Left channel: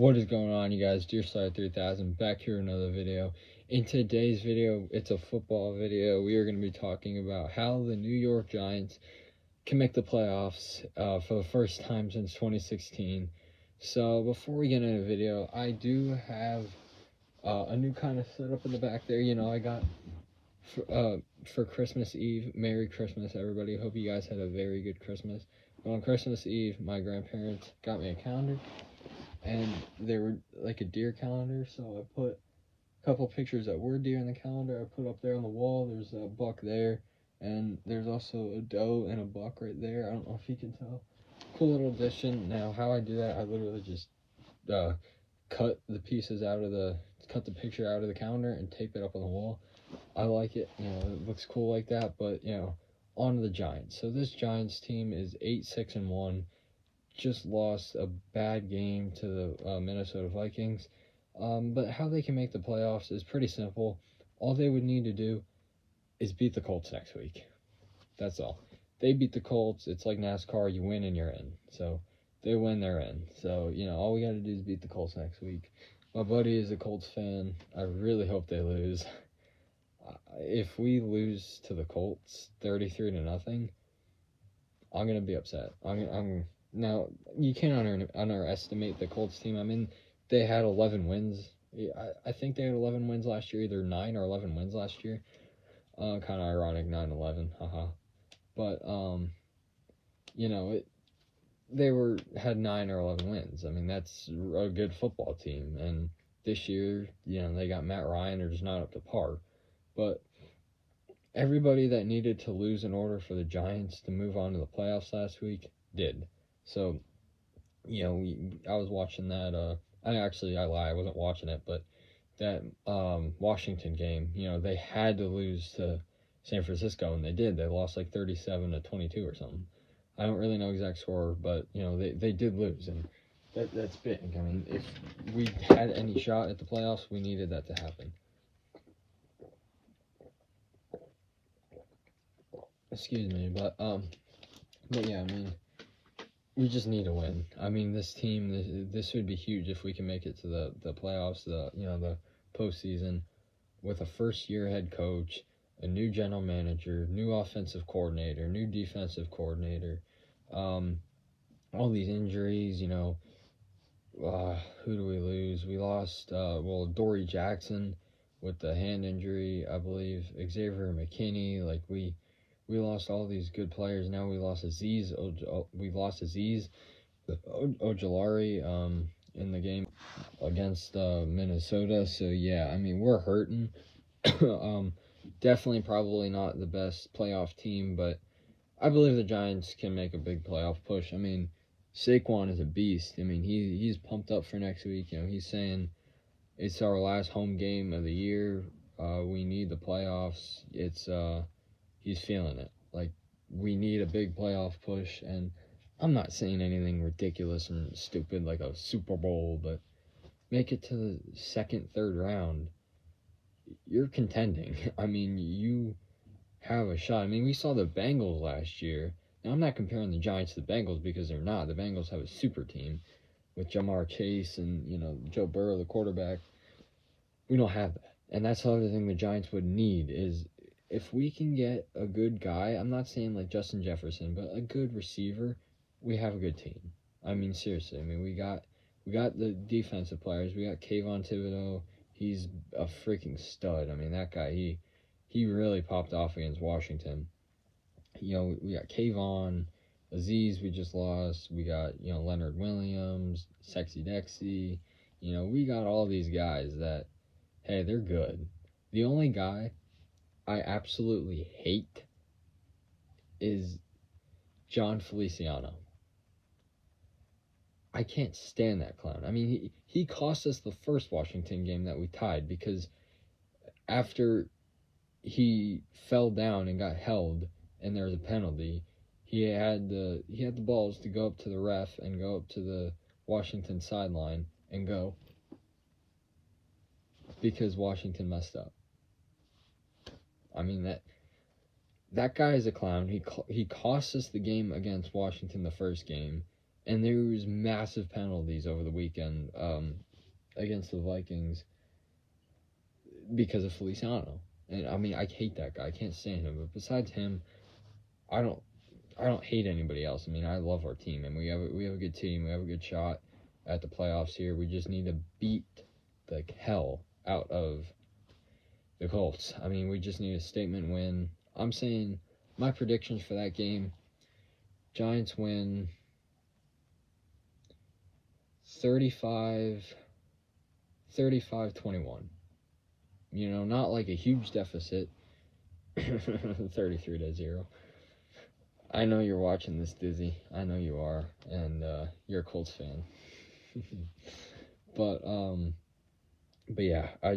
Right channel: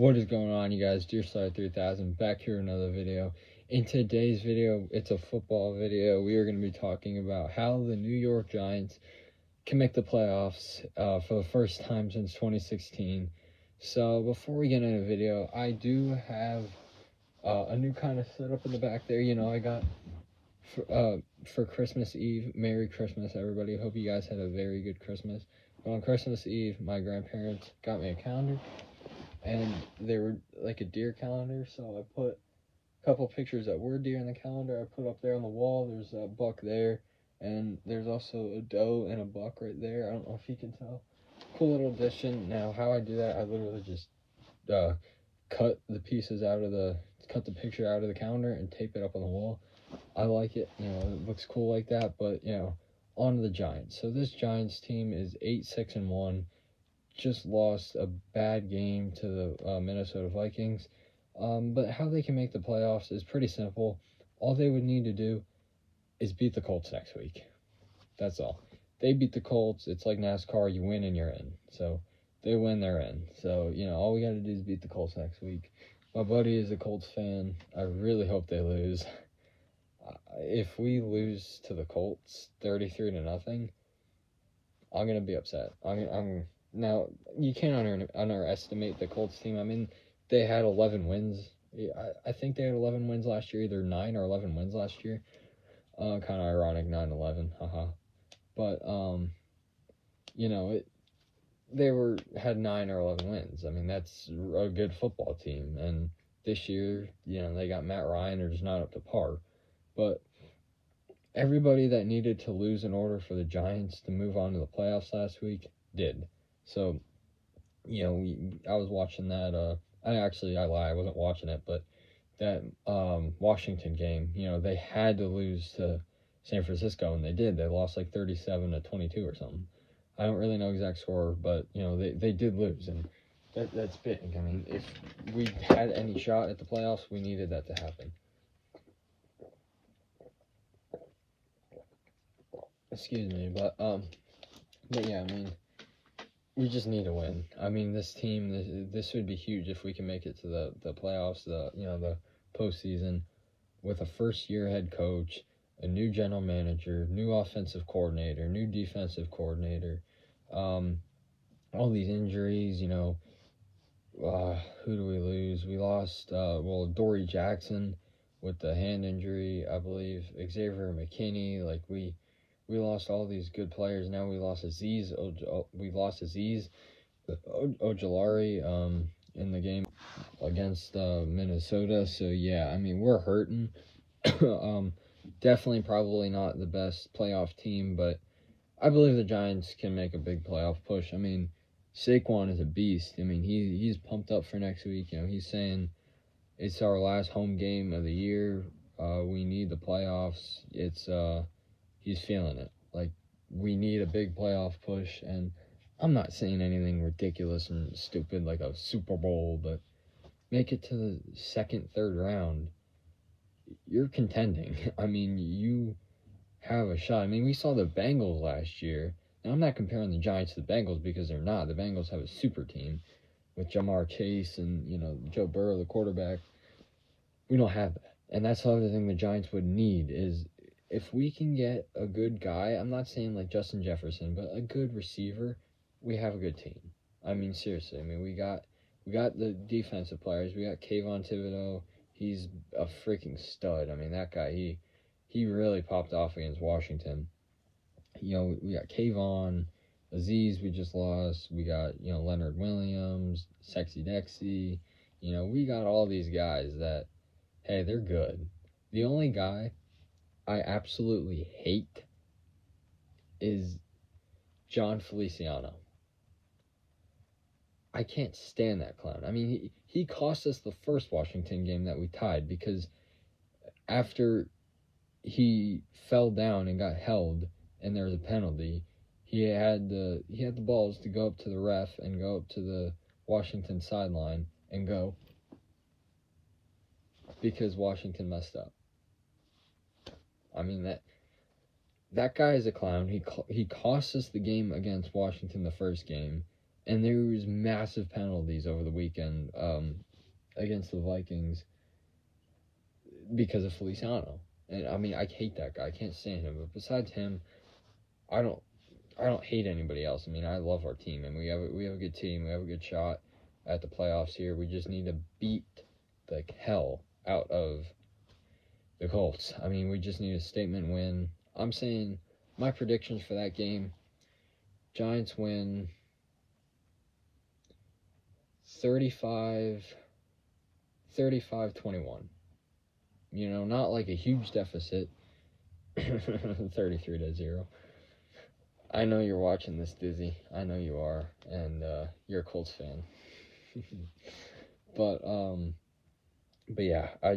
What is going on, you guys? Dear Side 3000 back here another video. In today's video, it's a football video. We are going to be talking about how the New York Giants can make the playoffs for the first time since 2016. So before we get into the video, I do have a new kind of setup in the back there. You know, I got for Christmas Eve. Merry Christmas, everybody. Hope you guys had a very good Christmas. But on Christmas Eve, my grandparents got me a calendar. And they were like a deer calendar, so I put a couple pictures that were deer in the calendar. I put up there on the wall. There's a buck there, and there's also a doe and a buck right there. I don't know if you can tell. Cool little addition. Now, how I do that, I literally just cut the picture out of the calendar and tape it up on the wall. I like it. You know, it looks cool like that. But you know, on to the Giants. So this Giants team is 8-6-1. Just lost a bad game to the Minnesota Vikings. But how they can make the playoffs is pretty simple. All they would need to do is beat the Colts next week. That's all. They beat the Colts. It's like NASCAR. You win and you're in. So they win, they're in. So, you know, all we got to do is beat the Colts next week. My buddy is a Colts fan. I really hope they lose. If we lose to the Colts 33-0, I'm going to be upset. Now, you can't underestimate the Colts team. I mean, they had 11 wins. I think they had 11 wins last year, either 9 or 11 wins last year. Kind of ironic, 9-11, haha. But, you know, they had 9 or 11 wins. I mean, that's a good football team. And this year, you know, they got Matt Ryan. They're just not up to par. But everybody that needed to lose in order for the Giants to move on to the playoffs last week did. So, you know, I was watching that, I lie, I wasn't watching it, but that Washington game, you know, they had to lose to San Francisco, and they did. They lost like 37-22 or something. I don't really know exact score, but, you know, they did lose, and that's big. I mean, if we had any shot at the playoffs, we needed that to happen. Excuse me, but yeah, I mean, we just need to win. I mean, this team, this would be huge if we can make it to the playoffs, the postseason, with a first-year head coach, a new general manager, new offensive coordinator, new defensive coordinator, all these injuries, you know. Who do we lose? We lost, Dory Jackson with the hand injury, I believe. Xavier McKinney, like we lost all these good players. Now we lost Azeez Ojulari in the game against Minnesota. So yeah, I mean, we're hurting. Definitely probably not the best playoff team, but I believe the Giants can make a big playoff push. I mean, Saquon is a beast. I mean, he's pumped up for next week. You know, he's saying it's our last home game of the year. We need the playoffs. He's feeling it. Like, we need a big playoff push, and I'm not saying anything ridiculous and stupid like a Super Bowl, but make it to the second, third round. You're contending. I mean, you have a shot. I mean, we saw the Bengals last year. Now, I'm not comparing the Giants to the Bengals because they're not. The Bengals have a super team with Jamar Chase and, you know, Joe Burrow, the quarterback. We don't have that. And that's the other thing the Giants would need is, if we can get a good guy, I'm not saying like Justin Jefferson, but a good receiver, we have a good team. I mean, seriously. I mean, we got the defensive players. We got Kayvon Thibodeau. He's a freaking stud. I mean, that guy, he really popped off against Washington. You know, we got Kayvon, Azeez we just lost. We got, you know, Leonard Williams, Sexy Dexy. You know, we got all these guys that, hey, they're good. The only guy I absolutely hate is John Feliciano. I can't stand that clown. I mean, he cost us the first Washington game that we tied, because after he fell down and got held and there was a penalty, he had the balls to go up to the ref and go up to the Washington sideline and go, because Washington messed up. I mean, that guy is a clown. He cost us the game against Washington the first game, And there was massive penalties over the weekend against the Vikings because of Feliciano. And I mean, I hate that guy. I can't stand him. But besides him, I don't hate anybody else. I mean, I love our team, and we have a good team. We have a good shot at the playoffs here. We just need to beat the hell out of the Colts. I mean, we just need a statement win. I'm saying my predictions for that game: Giants win 35-21. You know, not like a huge deficit. 33-0. I know you're watching this, Dizzy. I know you are, and you're a Colts fan. But yeah, I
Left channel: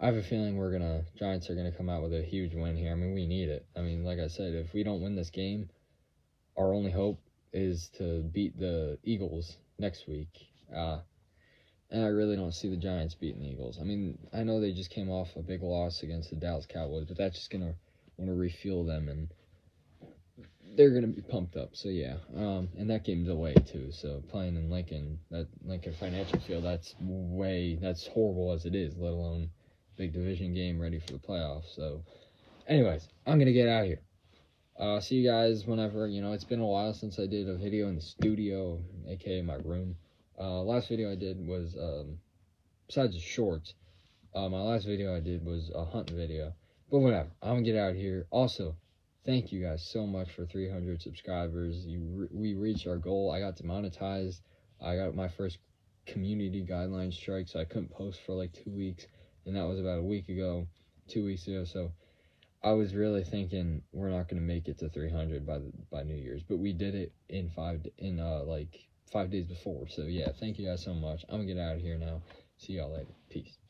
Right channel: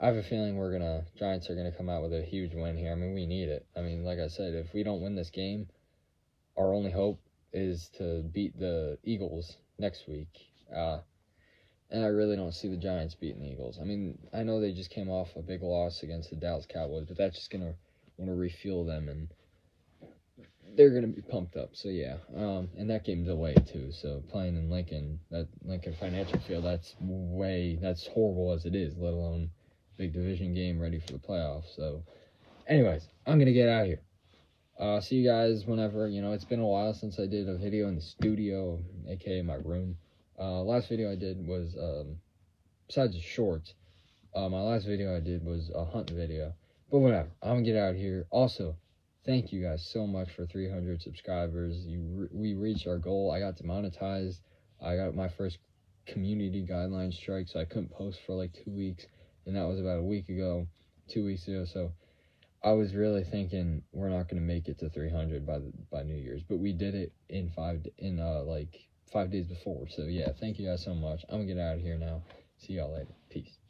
have a feeling Giants are gonna come out with a huge win here. I mean, we need it. I mean, like I said, if we don't win this game, our only hope is to beat the Eagles next week. And I really don't see the Giants beating the Eagles. I mean, I know they just came off a big loss against the Dallas Cowboys, but that's just gonna want to refuel them, and they're gonna be pumped up. So yeah, and that game's away too. So playing in Lincoln, that Lincoln Financial Field, that's horrible as it is. Let alone big division game ready for the playoffs. So, anyways, I'm gonna get out of here. See you guys whenever. You know, it's been a while since I did a video in the studio, aka my room. Last video I did was besides the shorts. My last video I did was a hunting video. But whatever, I'm gonna get out of here. Also, thank you guys so much for 300 subscribers. We reached our goal. I got demonetized. I got my first community guideline strike, so I couldn't post for like 2 weeks, and that was about 2 weeks ago. So I was really thinking we're not gonna make it to 300 by New Year's, but we did it in 5 days before. So yeah, thank you guys so much. I'm gonna get out of here now. See y'all later. Peace.